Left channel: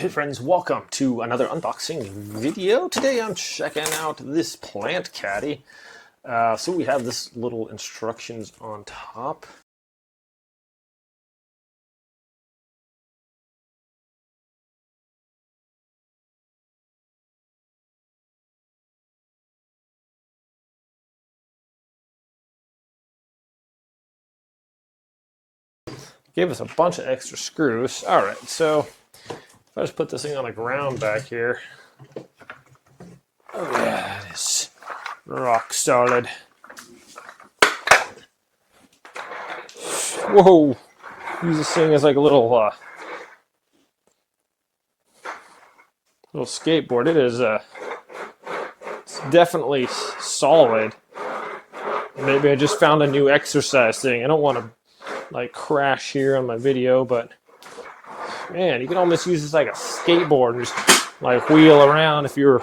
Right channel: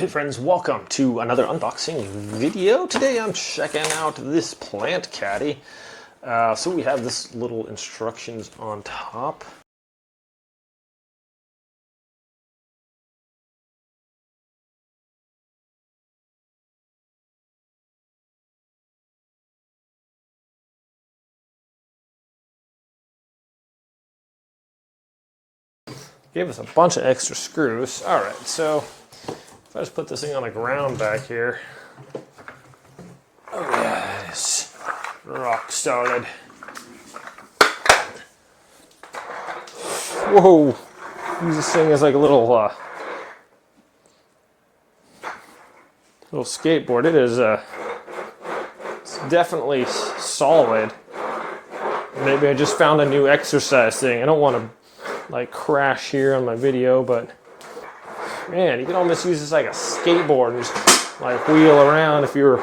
Hey friends, welcome to another unboxing video. Today I'm checking out this plant caddy. So we have this little instructions on top. Gave us a bunch of extra screws. Alright, so if I just put this thing on the ground back here. Oh yeah, it is rock solid. Whoa! Use this thing as like a little skateboard. It is it's definitely solid. Maybe I just found a new exercise thing. I don't want to like crash here on my video, but man, you can almost use this like a skateboard and just like wheel around if you're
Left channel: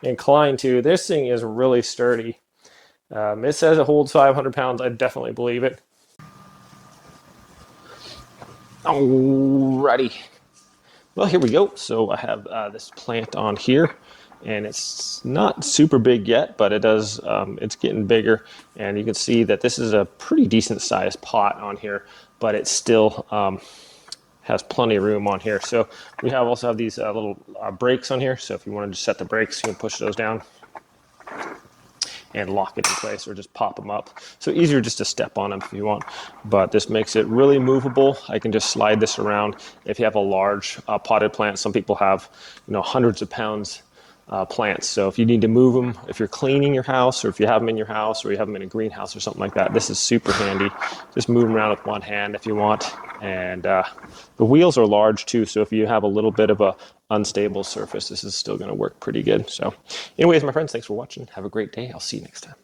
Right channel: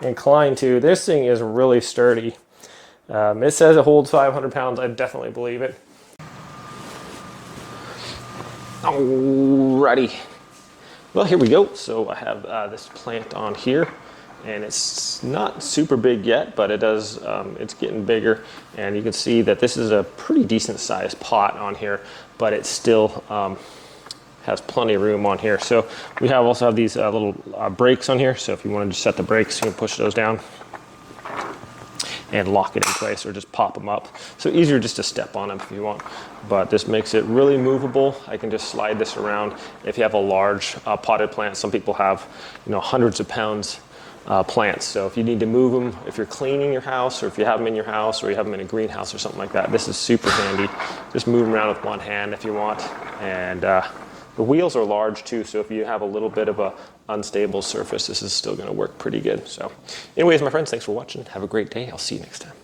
inclined to. This thing is really sturdy. It says it holds 500 pounds. I definitely believe it. Alrighty. Well, here we go. So I have this plant on here, and it's not super big yet, but it does. It's getting bigger, and you can see that this is a pretty decent sized pot on here, but it still has plenty of room on here. So we also have these little brakes on here. So if you wanted to set the brakes, you can push those down and lock it in place, or just pop them up. So easier just to step on them if you want. But this makes it really movable. I can just slide this around. If you have a large potted plant, some people have, hundreds of pounds plants. So if you need to move them, if you're cleaning your house, or if you have them in your house, or you have them in a greenhouse or something like that, this is super handy. Just move them around with one hand if you want. And the wheels are large too, so if you have a little bit of a unstable surface, this is still going to work pretty good. So anyways, my friends, thanks for watching. Have a great day. I'll see you next time.